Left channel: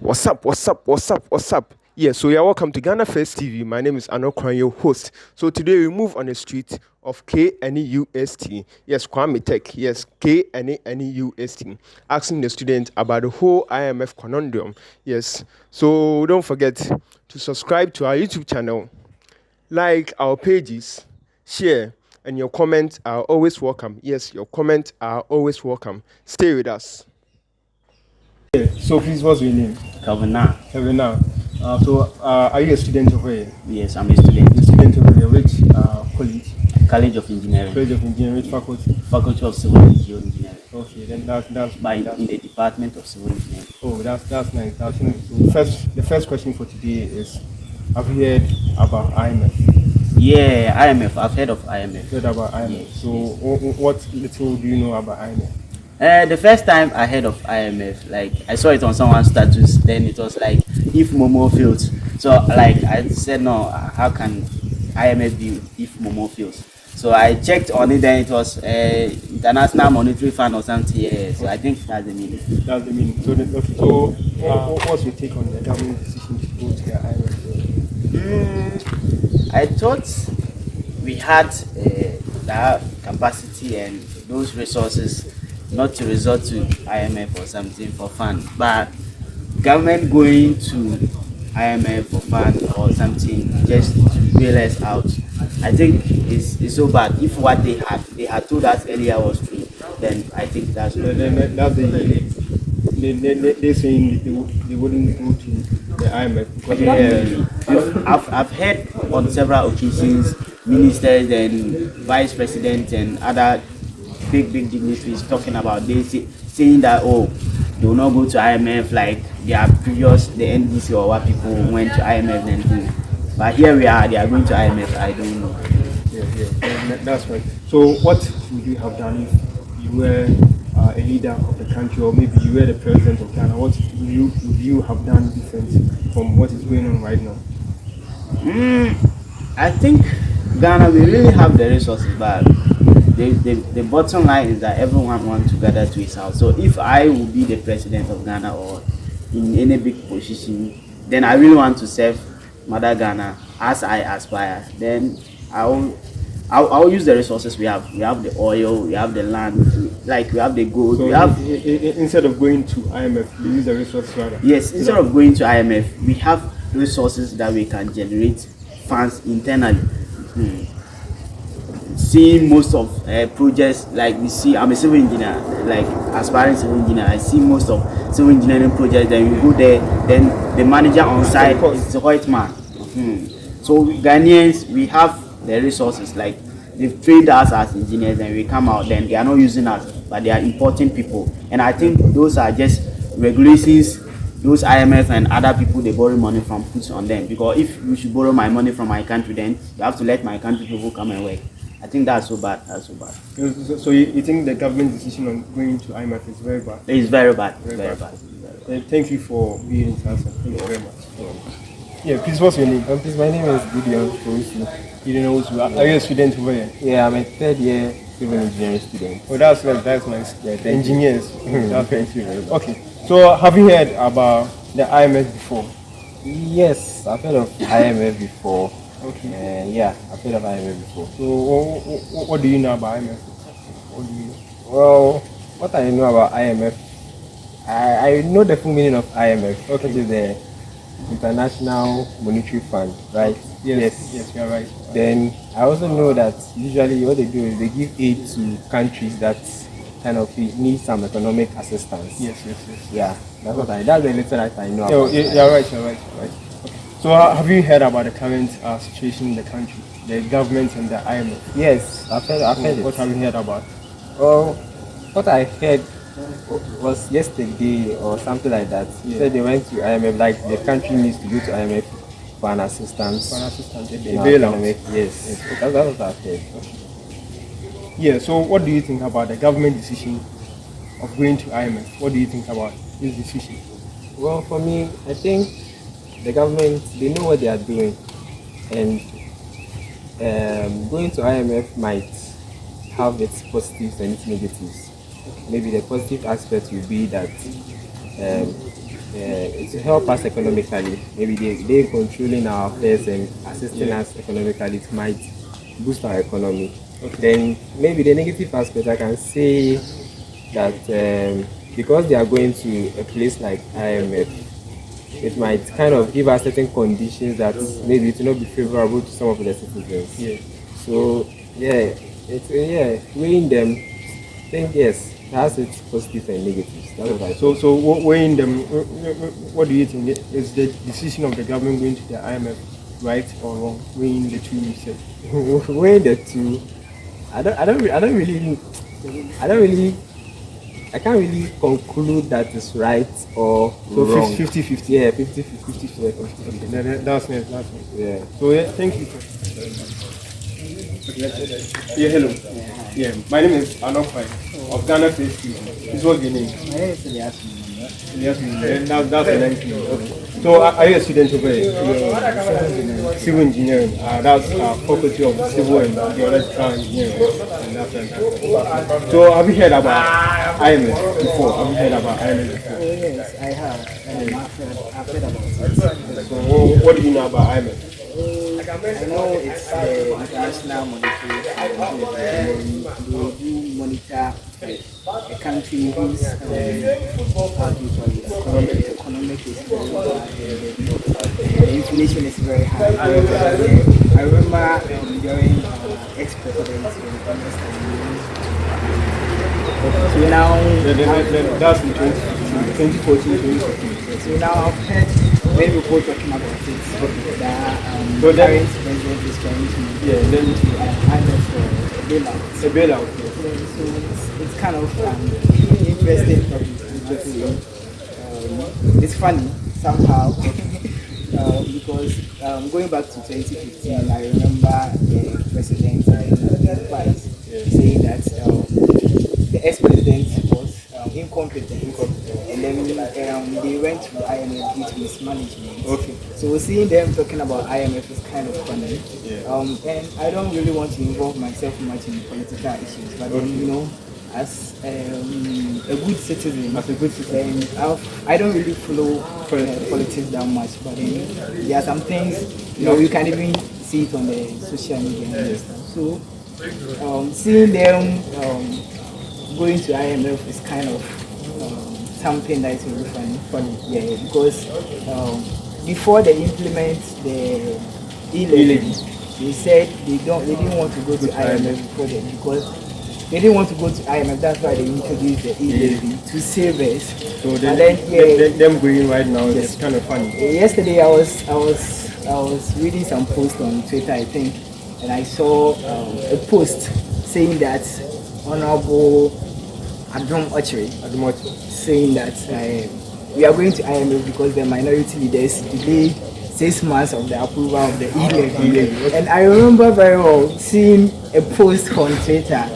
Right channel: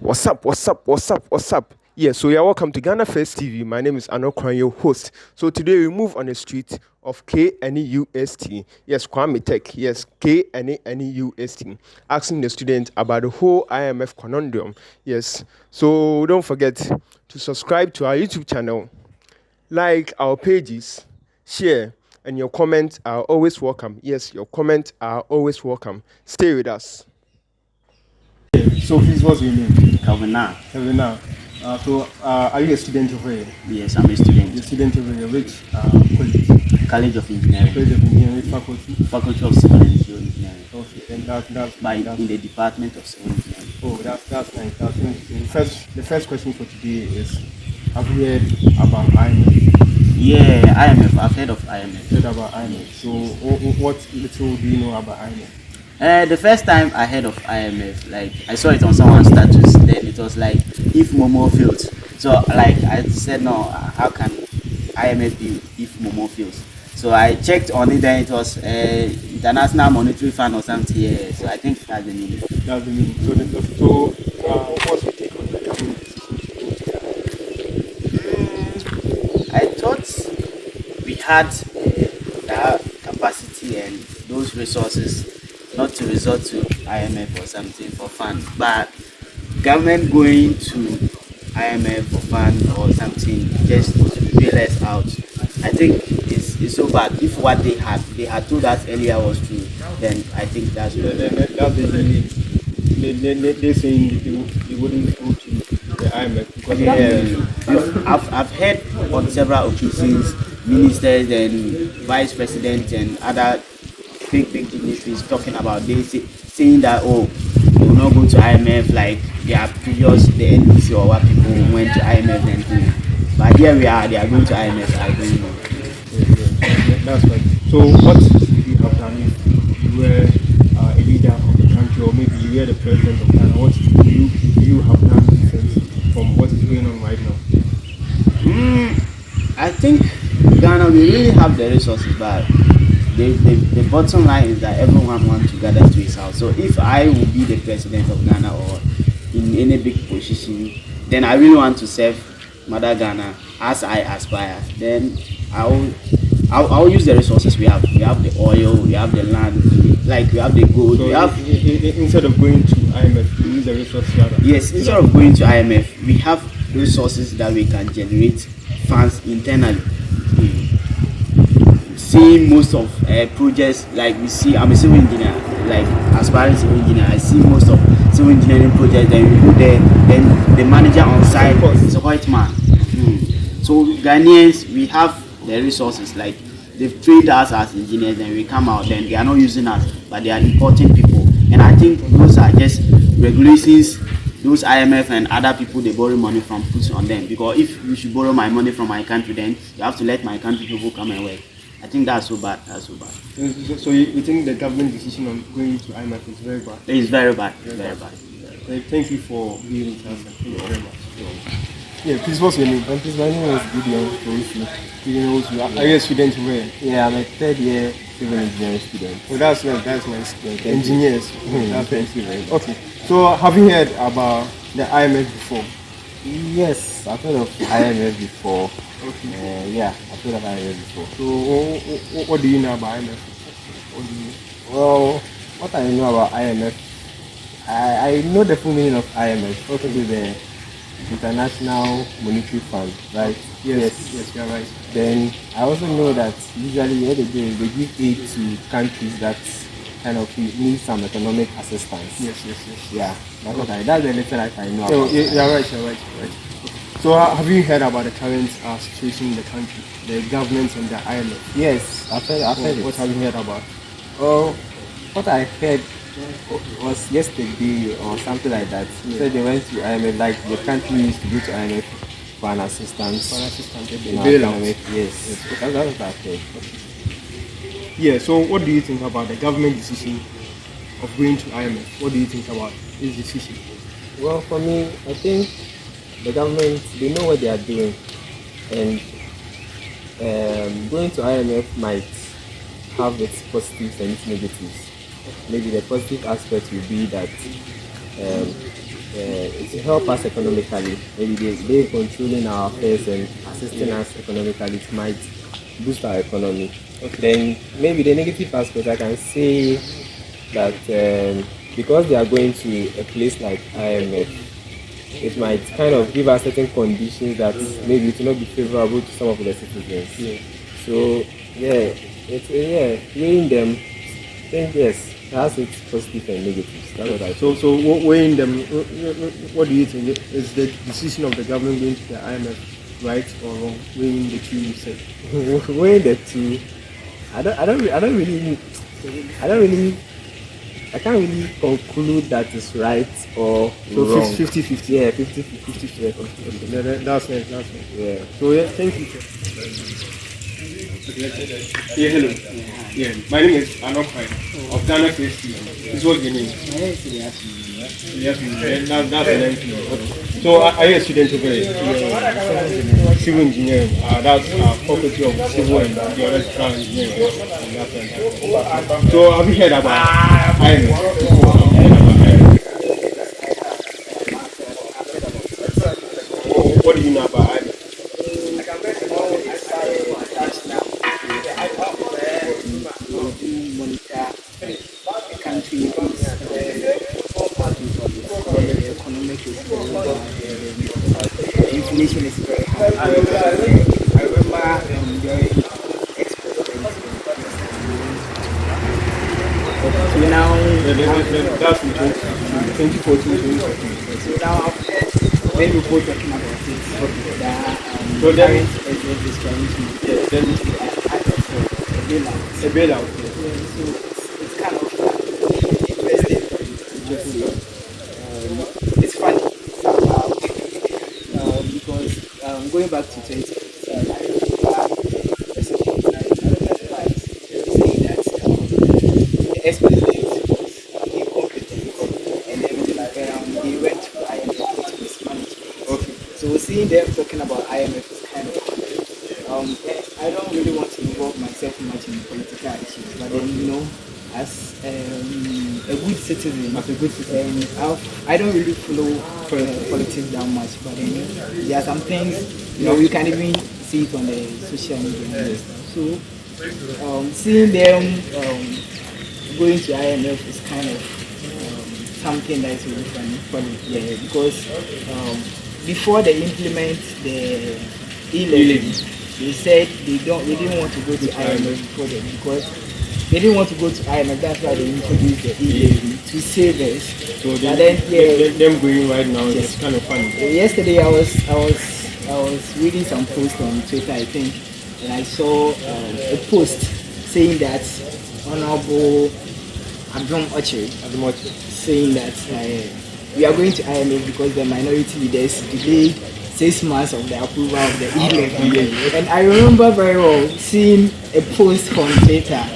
What's up? What's up? What's up? What's up? Yeah, so you're welcome to Ghana First TV. My name is Anokwan, your host. So today we move on the street of KNUST. Yes, Kwame Tech. Yes, KNUST. Asking the students about the whole IMF conundrum. Yes, so don't forget to subscribe to our YouTube channel, like our pages, share, and your comments are always welcome. Yes, your comments are always welcome. Stay with us. So please, what's your name? Kavana. Kavana. Are you a student over here? Yes, I'm a student. You're a student over here. Which college? College of Engineering. College of Engineering. Which faculty? Faculty of Civil Engineering. Okay, then that's in the Department of Civil Engineering. Oh, that's nice. That's nice. The first question for today is: have you heard about IMF? Yeah, IMF. I've heard of IMF. Heard about IMF. Yes, So, yes. what little do you know about IMF? The first time I heard of IMF, like I saw it on someone's status, then it was like if Momo fails. So like I said, no, how can IMF be if Momo fails? So I checked on it, then it was International Monetary Fund or something. Yeah, so I think that's the meaning. That's the meaning. What's your take on the government decision to go to the IMF? I thought we had that capacity and those resources not to resort to IMF or something for fun, but government going to IMF for fun or something just to bail us out, I think it's so bad. If what they had told us earlier was true, then I think that's that's they're saying they wouldn't go to the IMF because I've heard on several occasions ministers and vice presidents and other big dignitaries talking about this, saying that they will not go to IMF like their previous the NDC or what people went to IMF and do. But here we are, they are going to IMF. I don't know. Yeah, that's right. So what would you have done if you were a leader of the country, or maybe you were the president of Ghana? What would you have done different from what is going on right now? I think Ghana, we really have the resources, but the bottom line is that everyone wants to gather to his house. So if I will be the president of Ghana or in any big position, then I really want to serve Mother Ghana as I aspire. Then I'll use the resources we have. We have the oil, we have the land, like we have the gold. So we have instead of going to IMF, we use the resources rather. Yes, instead of going to IMF, we have resources that we can generate funds internally. Seeing most of projects, like we see, I'm a civil engineer, like aspiring civil engineer. I see most of civil engineering projects. Then we go there, then the manager on site is a white man. So Ghanaians, we have the resources. Like they've trained us as engineers, and we come out, then they are not using us, but they are importing people. And I think those are just regulations. Those IMF and other people they borrow money from puts on them, because if you should borrow my money from my country, then you have to let my country people come and work. I think that's so bad. So you think the government decision on going to IMF is very bad? It's very bad. Very bad. Thank you for being with us, and thank you very much. Yeah, please, what's your name? Please, my name is Gideon Owusu. Are you a student over here? Yeah, I'm a third year civil engineering student. Oh, that's nice. Yeah, Engineers. Thank you very much. Okay, so have you heard about the IMF before? Yes, I've heard of IMF before. Okay. Yeah, I've heard of IMF before. So what do you know about IMF? Well, what I know about IMF, I know the full meaning of IMF. Okay, the International Monetary Fund, right? Yes, you're right. Then I also know that usually what they do is they give aid to countries that kind of need some economic assistance. Yes. Yeah, that's the little that I know about. You're right. So have you heard about the current situation in the country, the government and the IMF? Yes, I've heard it. What have you heard about? Oh, what I heard was yesterday or something like that. He said they went to IMF, like the country needs to go to IMF for an assistance. The in our bailout. economic, yes. That's what I've heard. Yeah, so what do you think about the government decision of going to IMF? What do you think about this decision? Well, for me, I think the government, they know what they are doing, and going to IMF might have its positives and its negatives. Maybe the positive aspect will be that it's help us economically. Maybe they controlling our affairs and assisting us economically. It might boost our economy. Then maybe the negative aspect I can say that because they are going to a place like IMF, it might kind of give us certain conditions that maybe it will not be favorable to some of the citizens. So weighing them, I think yes, it has its positive and negatives. That's what I think. So weighing them, what do you think? Is the decision of the government going to the IMF right or wrong? Weighing the two, you said. Weighing the two, I can't really conclude that it's right or wrong. 50-50. Yeah, 50-50. Okay, that's nice. Yeah. So yeah, thank you. Yeah, hello. Yeah, my name is Anokwan of Ghana Face TV. This was your name. My name is Elias. That's a nice name. Okay. So are you a student over here? Civil engineering. That's faculty of civil and geological engineering. And that's fantastic. So have you heard about IMF before? Have you heard about IMF? Yes, I have. I've heard about it. So what do you know about IMF? I know it's international monetary fund, and they do monitor a country whose economic is very high and the inflation is very high. I remember during ex-president so now That's in 2014, 2015. So now I've heard many people talking about it. That So then- current president is trying to then IMF for a bailout. a bailout. Yeah. So it's kind of interesting topic. It's funny somehow because going back to 2015, I remember President Vice saying that the ex-president was incompetent, and then they went to IMF due to mismanagement. Okay. So seeing them talking about IMF is kind of funny. And I don't really want to involve myself much in political issues, but then as a good citizen, and I don't really follow politics that much, but then there are some things you can even see it on the social media and stuff. So seeing them going to IMF is kind of something that is really funny. Yeah, because before they implement the e-levy, they said they didn't want to go to IMF before them because they didn't want to go to IMF. That's why they introduced the e-levy to save us. So then, them going right now is kind of funny. Yesterday I was reading some post on Twitter, I think, and I saw a post saying that Honorable Abdom Ochiri saying that we are going to IMF because the minority leaders delayed 6 months of the approval of the e-levy. And I remember very well seeing a post on Twitter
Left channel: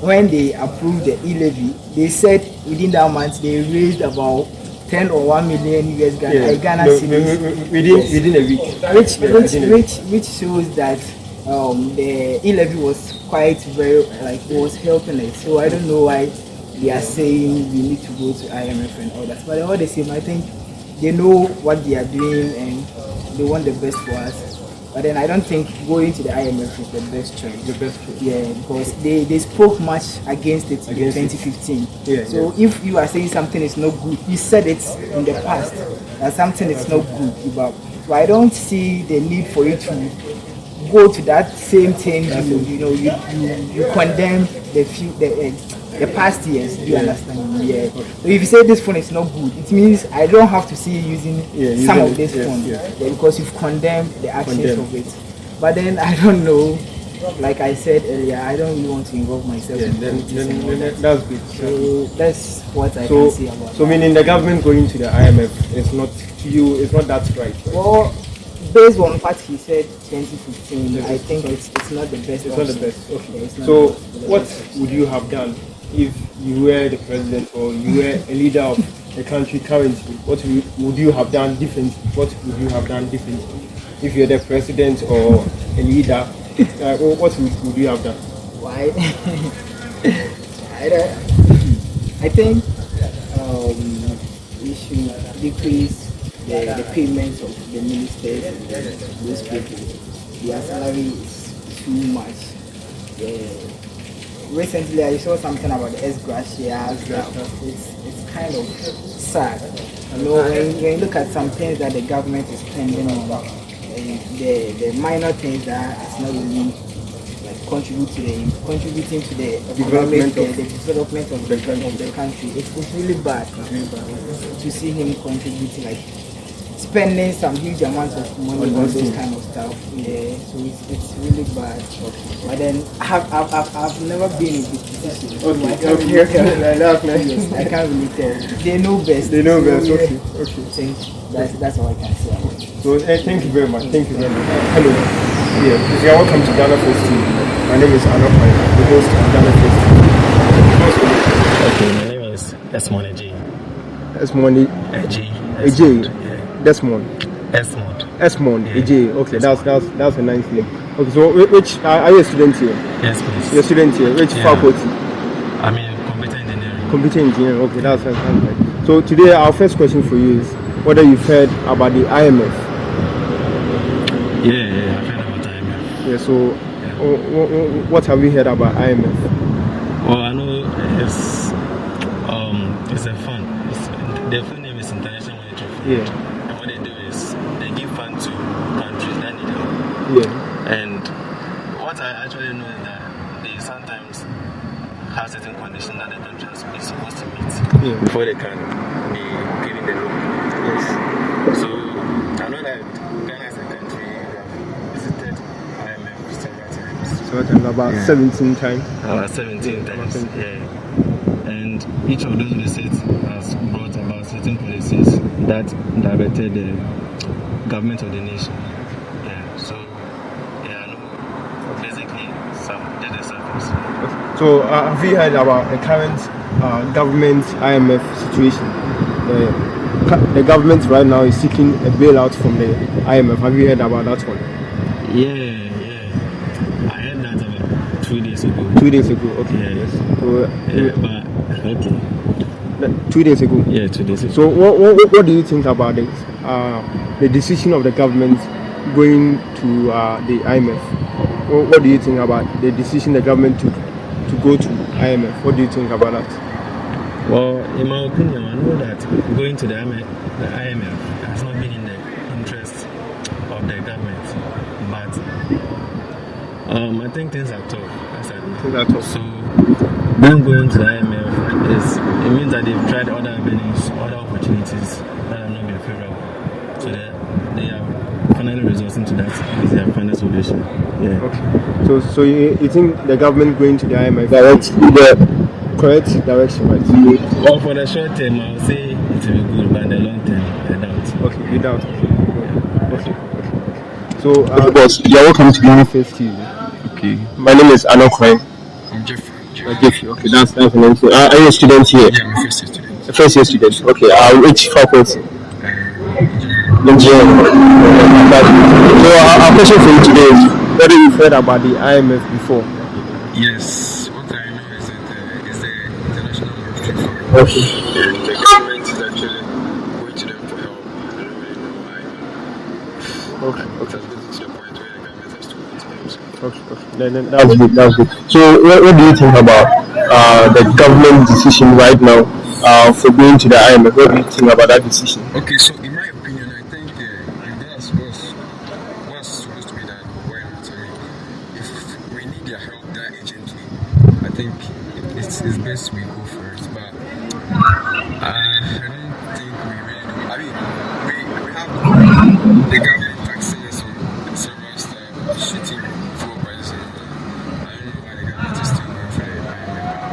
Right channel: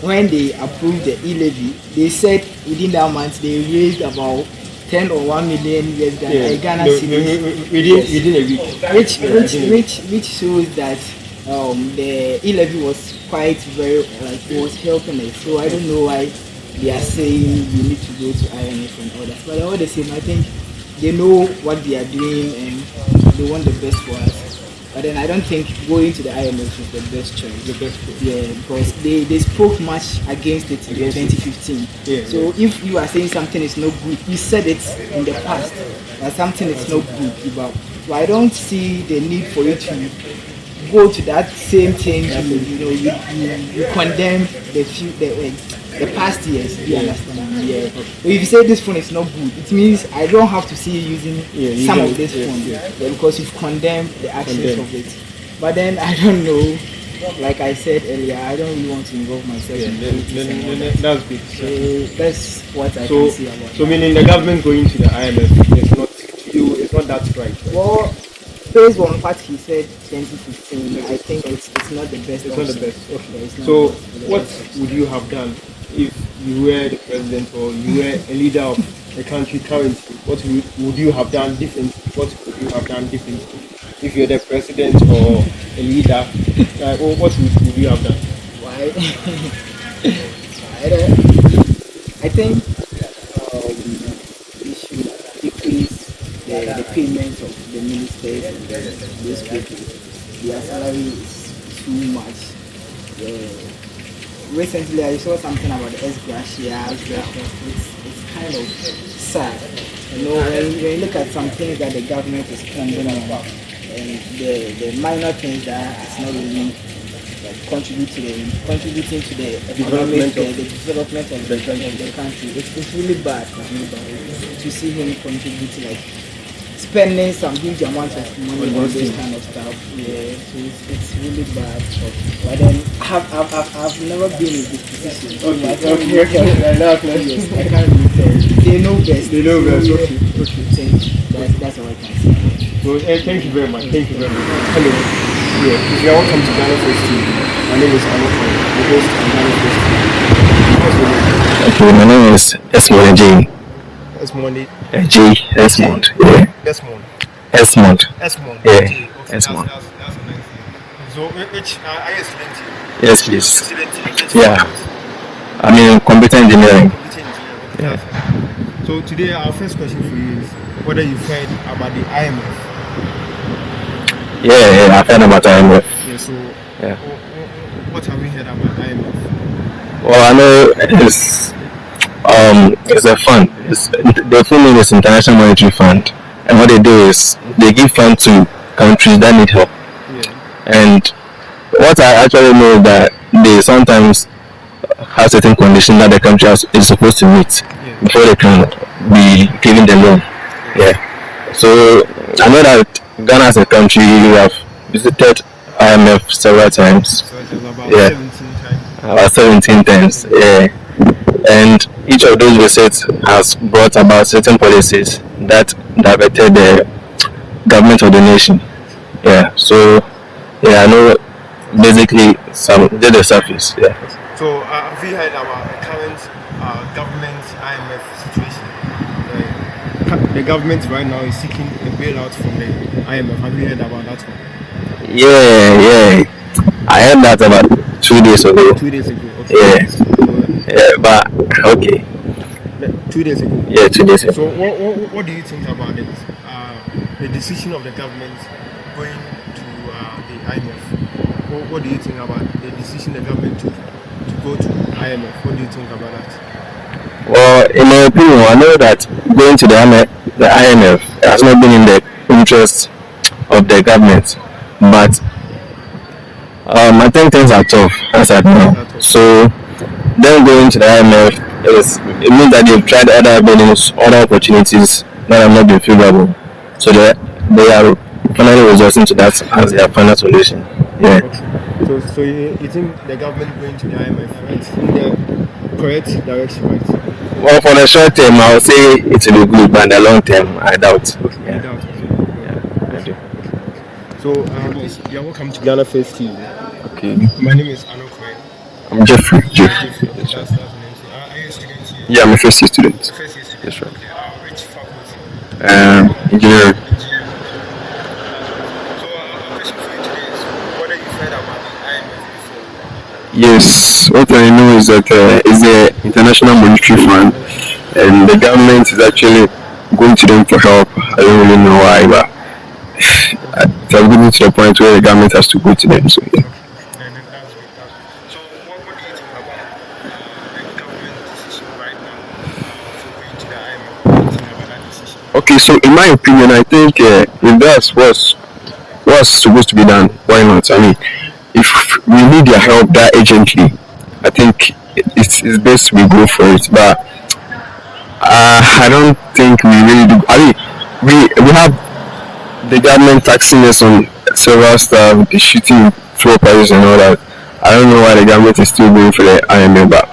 when they approved the e-levy. They said within that month they raised about 10 or 1 million US Ghana cedis within a week. which shows that the e-levy was quite it was helping us. So I don't know why they are saying we need to go to IMF and all that. But all the same, I think they know what they are doing and they want the best for us. But then I don't think going to the IMF is the best choice. Yeah, because they spoke much against it in 2015. So if you are saying something is not good, you said it in the past that something is not good about. So I don't see the need for you to go to that same thing. You condemn the past years. Do you understand? Yeah. So if you say this phone is not good, it means I don't have to see you using some of this phone. Because you've condemned the actions of it. But then I don't know. Like I said earlier, I don't really want to involve myself in politics. Then that's good. So that's what I can say about So meaning the government going to the IMF is not that right? Well, based on what he said 2015, I think it's not the best. It's not the best. Okay. Yeah, it's not So the best. what would you have done if you were the president or you were a leader of the country currently? What would you have done differently? If you're the president or a leader, what would you have done? Why? I think we should decrease the payments of the ministers and those people, their salary is too much. Recently, I saw something about the S gratia. It's kind of sad. You know, when you look at some things that the government is spending on, and the minor things that is not really contributing to the economic, the development of the country. It's really bad. To see him contribute, like spending some huge amounts of money on this kind of stuff. Yeah, so it's really bad. But then I've never been in this position. So I can't really tell. Yes, I can't really tell. They know best. Okay. That's all I can say. So thank you very much. Hello. Yeah, you're welcome to Ghana First TV. My name is Anokwan, the host of Ghana First TV. Okay, my name is Esmond J. Esmond J. Esmond. Yeah. Desmond. Esmond. Yeah. J. Okay, Esmond. that's a nice name. Okay, so which are you a student here? Yes, please. You're a student here. Which Yeah. faculty? I mean, computer engineering. Computer engineering. Okay, that's fantastic. So today our first question for you is whether you've heard about the IMF. Yeah, I've heard about IMF. Yeah. So, Yeah. What have you heard about IMF? Well, I know it's a fund. The full name is International Monetary Fund, and what they do is they give fund to countries that need help. Yeah. And what I actually know is that they sometimes have certain conditions that the country is supposed to meet before they can be given the loan. Yeah. So I know that Ghana as a country, we have visited IMF several times. About 17 times. 17 times. Yeah. And each of those visits has brought about certain policies that diverted the government of the nation. Yeah. So I know basically did the surface. Yeah. So have you heard about the current government IMF situation? The government right now is seeking a bailout from the IMF. Have you heard about that one? Yeah. I heard that about 2 days ago. 2 days ago. Okay. Yeah. So, But okay. 2 days ago. Yeah, 2 days ago. So what do you think about this? The decision of the government going to the IMF. What do you think about the decision the government took to go to IMF? What do you think about that? Well, in my opinion, I know that going to the IMF has not been in the interest of the government, but I think things are tough as at now. So them going to the IMF it means that they've tried other avenues, other opportunities that have not been favorable. So they are finally resorting to that as their final solution. Yeah. Okay. So you think the government going to the IMF the correct direction, right? Well, for the short term, I would say it will be good, but in the long term, I doubt. Okay, you doubt. Okay. So, boss, you're welcome to Ghana First TV. Okay. My name is Anokwan. I'm Jeffrey. Okay, that's the name. So, are you a student here? Yeah, I'm a first year student. First year student. Okay. Which faculty? Engineering. So, our question for you today is whether you've heard about the IMF before. Yes, what I know is that it's the International Monetary Fund, and the government is actually going to them for help. I don't really know why, but it has gotten to the point where the government has to go to them. So, yeah. Then that's good. So what do you think about the government decision right now for going to the IMF? What do you think about that decision? Okay, so in my opinion, I think if that's what's supposed to be done, why not? I mean, if we need their help that urgently, I think it's best we go for it. But I don't think we really do. I mean, we have the government taxing us on several stuff, the shooting fuel prices and all that. I don't know why the government is still going for the IMF, but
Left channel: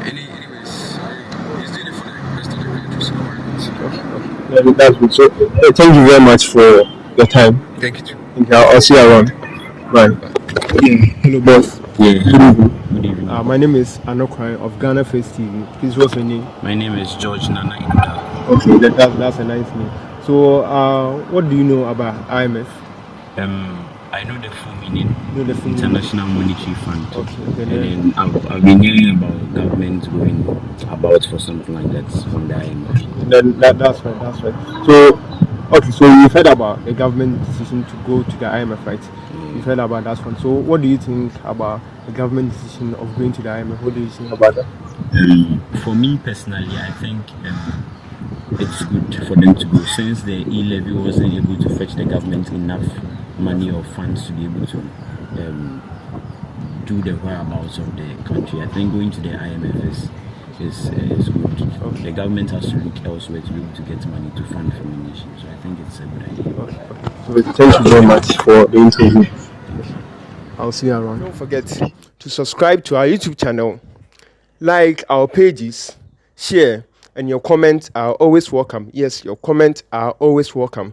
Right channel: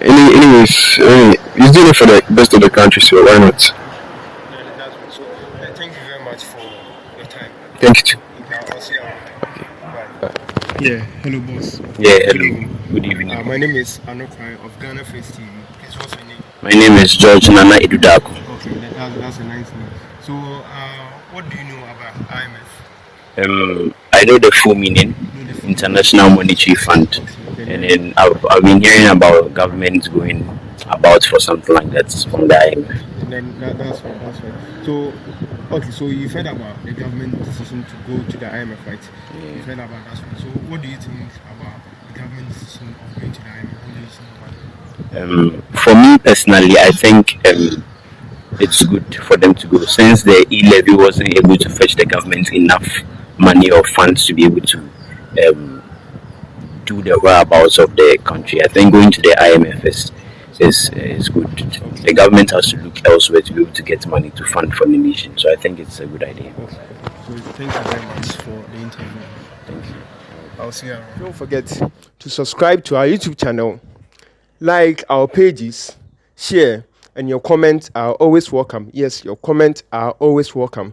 anyways, it's doing it for the best of the country, so why not? Yeah, that's good. So thank you very much for your time. Thank you. I'll see you around. Bye. Yeah. Hello, boss. Yeah. Good evening. My name is Anokwan of Ghana First TV. Please, what's your name? My name is George Nana Edudaku. Okay, that's a nice name. So, what do you know about IMF? I I know the full meaning, No, the full International Monetary Fund, Okay, and then I've been hearing about government going about for something like that from the IMF. Then that's right. That's right. So, okay. So you've heard about the government decision to go to the IMF, right? You've heard about that one. So, what do you think about the government decision of going to the IMF? What do you think about that? For me personally, I think it's good for them to go since the e-levy wasn't able to fetch the government enough money or funds to be able to um, do the whereabouts of the country. I think going to the IMF is good. The government has to look elsewhere to be able to get money to fund for the nation. So I think it's a good idea. So thank you very much for the interview. I'll see you around. Don't forget to subscribe to our YouTube channel, like our pages, share, and your comments are always welcome. Yes, your comments are always welcome.